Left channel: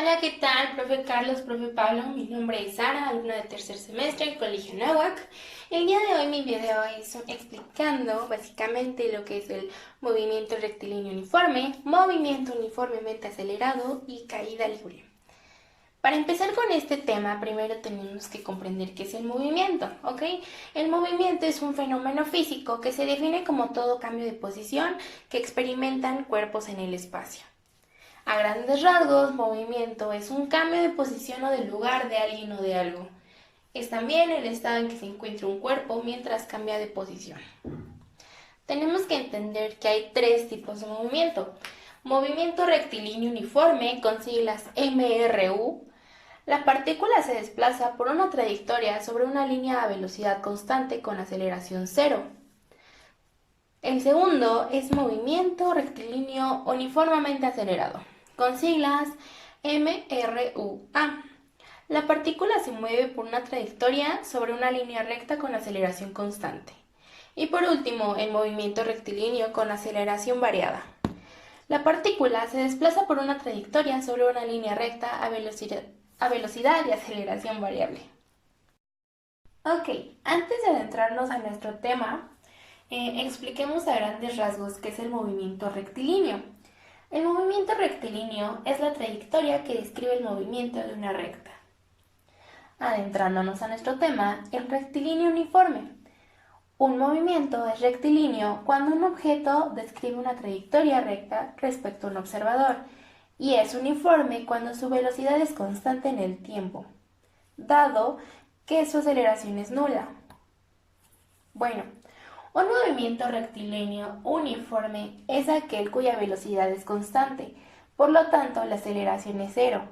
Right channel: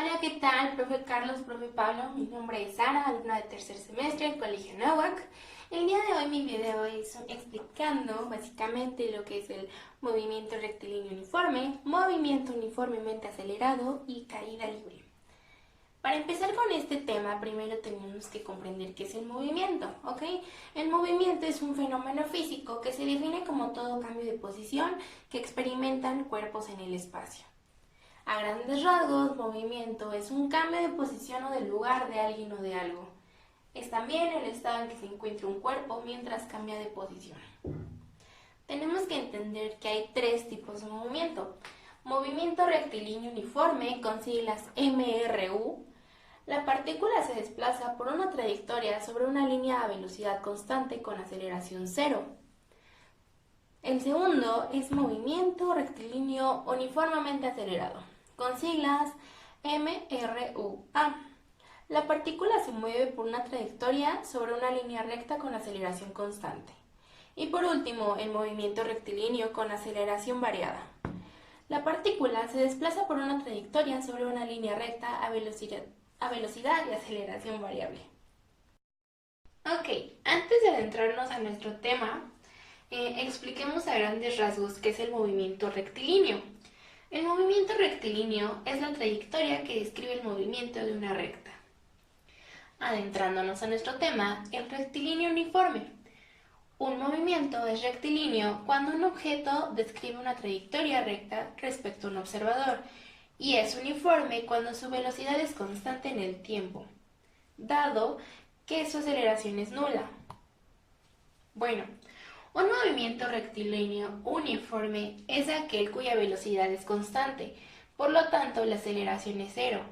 Hola, ¿qué tal? Profe Carlos, profe Pablo, mi nombre es Sara, alumna de tercer semestre en Colegio Nahuac. El día de hoy mi video es explicando básicamente lo que es el movimiento rectilíneo uniforme, movimiento uniformemente acelerado y caída libre. Para empezar con este tema, primero tenemos que comprender qué es el movimiento, ¿ok? El movimiento es un fenómeno físico que se define como todo cambio de posición que experimentan cuerpos en el espacio. A grandes rasgos, movimiento es un cambio de posición o de lugar de alguien o de algo. Es también el estado en que se encuentra un cuerpo mientras cambia de posición. Tenemos que entender que hay tres tipos de movimiento. Movimiento rectilíneo uniforme, con siglas MRU. La partícula se desplaza por una trayectoria sobre una línea a velocidad constante con aceleración cero. El segundo es movimiento rectilíneo uniformemente acelerado, con siglas MRUA. La partícula se mueve por una trayectoria sobre una línea recta con aceleración constante. Y por último, el movimiento rectilíneo con aceleración variada. La partícula se desplaza por una trayectoria sobre una línea recta a velocidad y aceleración variable. Ok, antes de adentrarnos a nuestro tema, expliquemos a grandes rasgos qué es el movimiento rectilíneo. El movimiento rectilíneo es la trayectoria que describe el movimiento de una recta. Adentrándonos a nuestro tema, el rectilíneo uniforme. Un movimiento es rectilíneo cuando un objeto describe una trayectoria recta respecto a un observador y es uniforme cuando su velocidad es constante en el tiempo, dado que su aceleración es nula. Bueno, un movimiento rectilíneo uniforme es aquel cuya velocidad es constante, por lo tanto la aceleración es cero.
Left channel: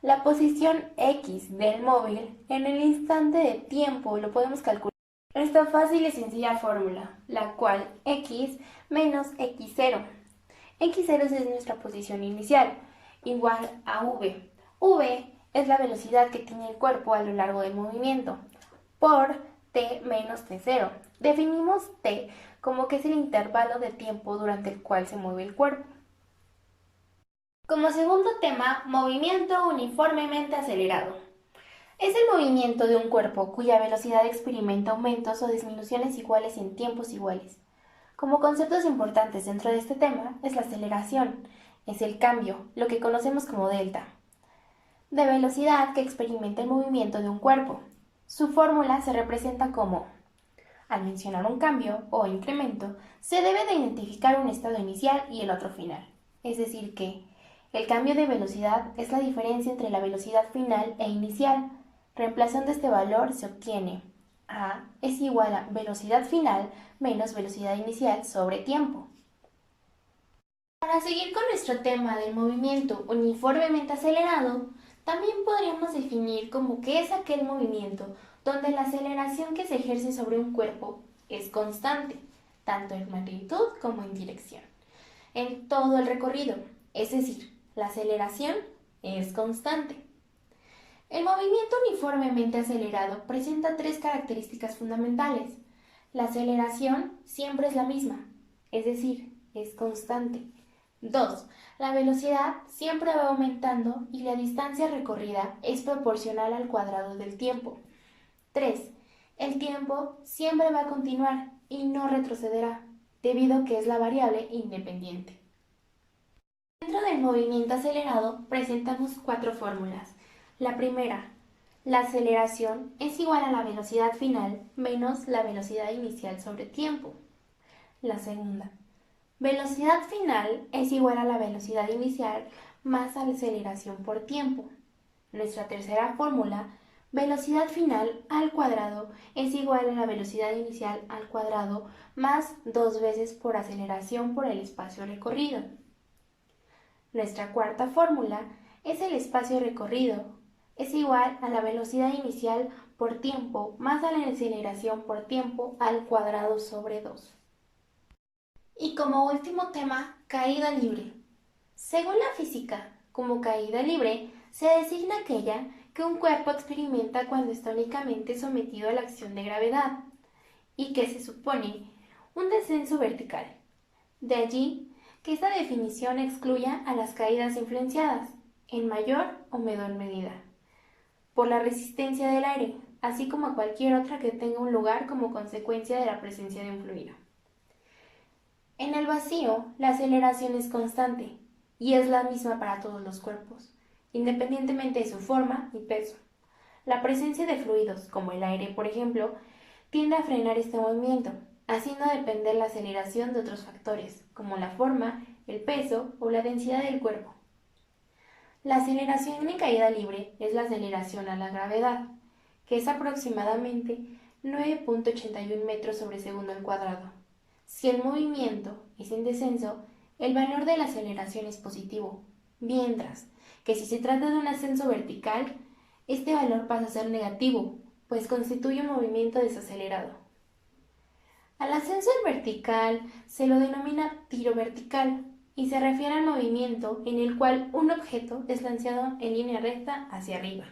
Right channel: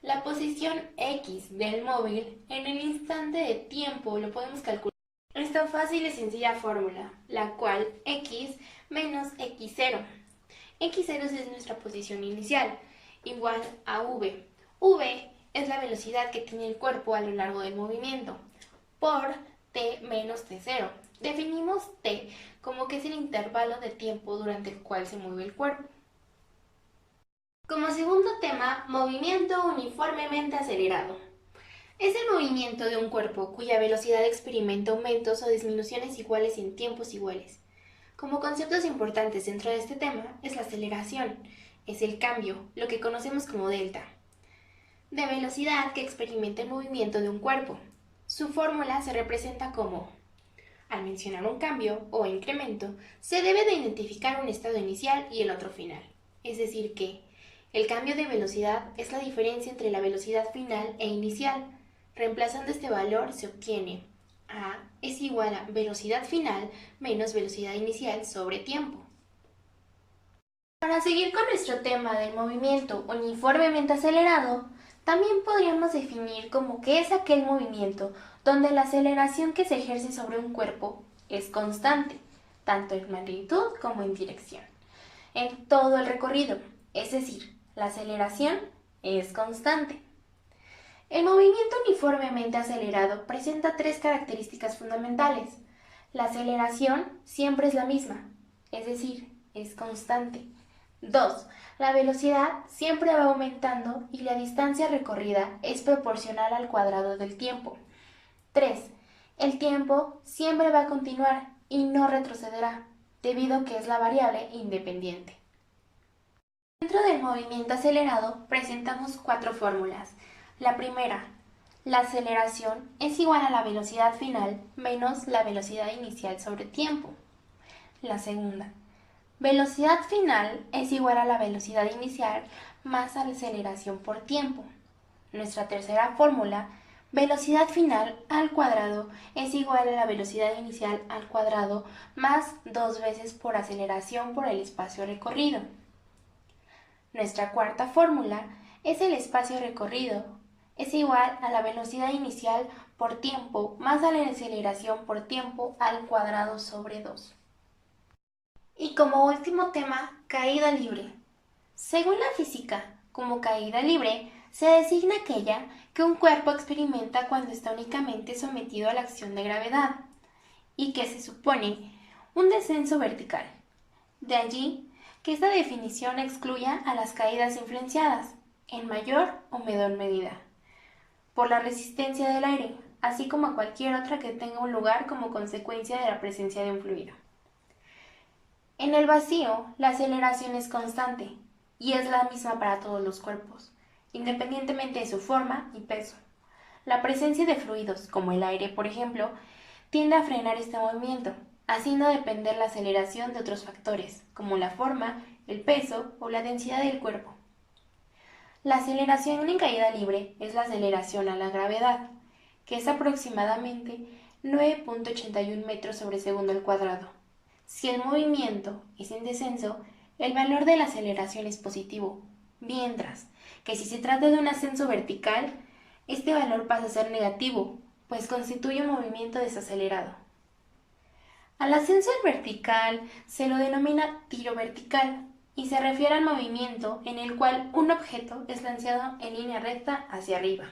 La posición x del móvil en el instante de tiempo lo podemos calcular con esta fácil y sencilla fórmula, la cual x menos x0. X0 es nuestra posición inicial, igual a v. V es la velocidad que tiene el cuerpo a lo largo del movimiento, por t menos t0. Definimos t como que es el intervalo de tiempo durante el cual se mueve el cuerpo. Como segundo tema, movimiento uniformemente acelerado. Es el movimiento de un cuerpo cuya velocidad experimenta aumentos o disminuciones iguales en tiempos iguales. Como conceptos importantes dentro de este tema es la aceleración, es el cambio, lo que conocemos como delta, de velocidad que experimenta el movimiento de un cuerpo. Su fórmula se representa como: al mencionar un cambio o incremento, se debe de identificar un estado inicial y el otro final. Es decir que el cambio de velocidad es la diferencia entre la velocidad final e inicial. Reemplazando este valor se obtiene A es igual a velocidad final menos velocidad inicial sobre tiempo. Para seguir con nuestro tema del movimiento uniformemente acelerado, también podríamos definir como que es aquel movimiento donde la aceleración que se ejerce sobre un cuerpo es constante, tanto en magnitud como en dirección, en todo el recorrido, es decir, la aceleración es constante. El movimiento uniformemente acelerado presenta tres características fundamentales. La aceleración siempre es la misma, es decir, es constante. 2. La velocidad siempre va aumentando y la distancia recorrida es proporcional al cuadrado del tiempo. 3. El tiempo siempre va a continuar y no retrocederá, debido a que es la variable independiente. Dentro del movimiento acelerado presentamos cuatro fórmulas. La primera, la aceleración es igual a la velocidad final menos la velocidad inicial sobre tiempo. La segunda, velocidad final es igual a la velocidad inicial más la aceleración por tiempo. Nuestra tercera fórmula, velocidad final al cuadrado es igual a la velocidad inicial al cuadrado más 2 veces por aceleración por el espacio recorrido. Nuestra cuarta fórmula es el espacio recorrido. Es igual a la velocidad inicial por tiempo más a la aceleración por tiempo al cuadrado sobre 2. Y como último tema, caída libre. Según la física, como caída libre se designa aquella que un cuerpo experimenta cuando está únicamente sometido a la acción de gravedad y que se supone un descenso vertical. De allí que esta definición excluya a las caídas influenciadas, en mayor o menor medida, por la resistencia del aire, así como a cualquier otra que tenga un lugar como consecuencia de la presencia de un fluido. En el vacío, la aceleración es constante y es la misma para todos los cuerpos, independientemente de su forma y peso. La presencia de fluidos, como el aire, por ejemplo, tiende a frenar este movimiento, haciendo depender la aceleración de otros factores, como la forma, el peso o la densidad del cuerpo. La aceleración en caída libre es la aceleración a la gravedad, que es aproximadamente 9.81 metros sobre segundo al cuadrado. Si el movimiento es en descenso, el valor de la aceleración es positivo, mientras que si se trata de un ascenso vertical, este valor pasa a ser negativo, pues constituye un movimiento desacelerado. Al ascenso vertical se lo denomina tiro vertical y se refiere al movimiento en el cual un objeto es lanzado en línea recta hacia arriba.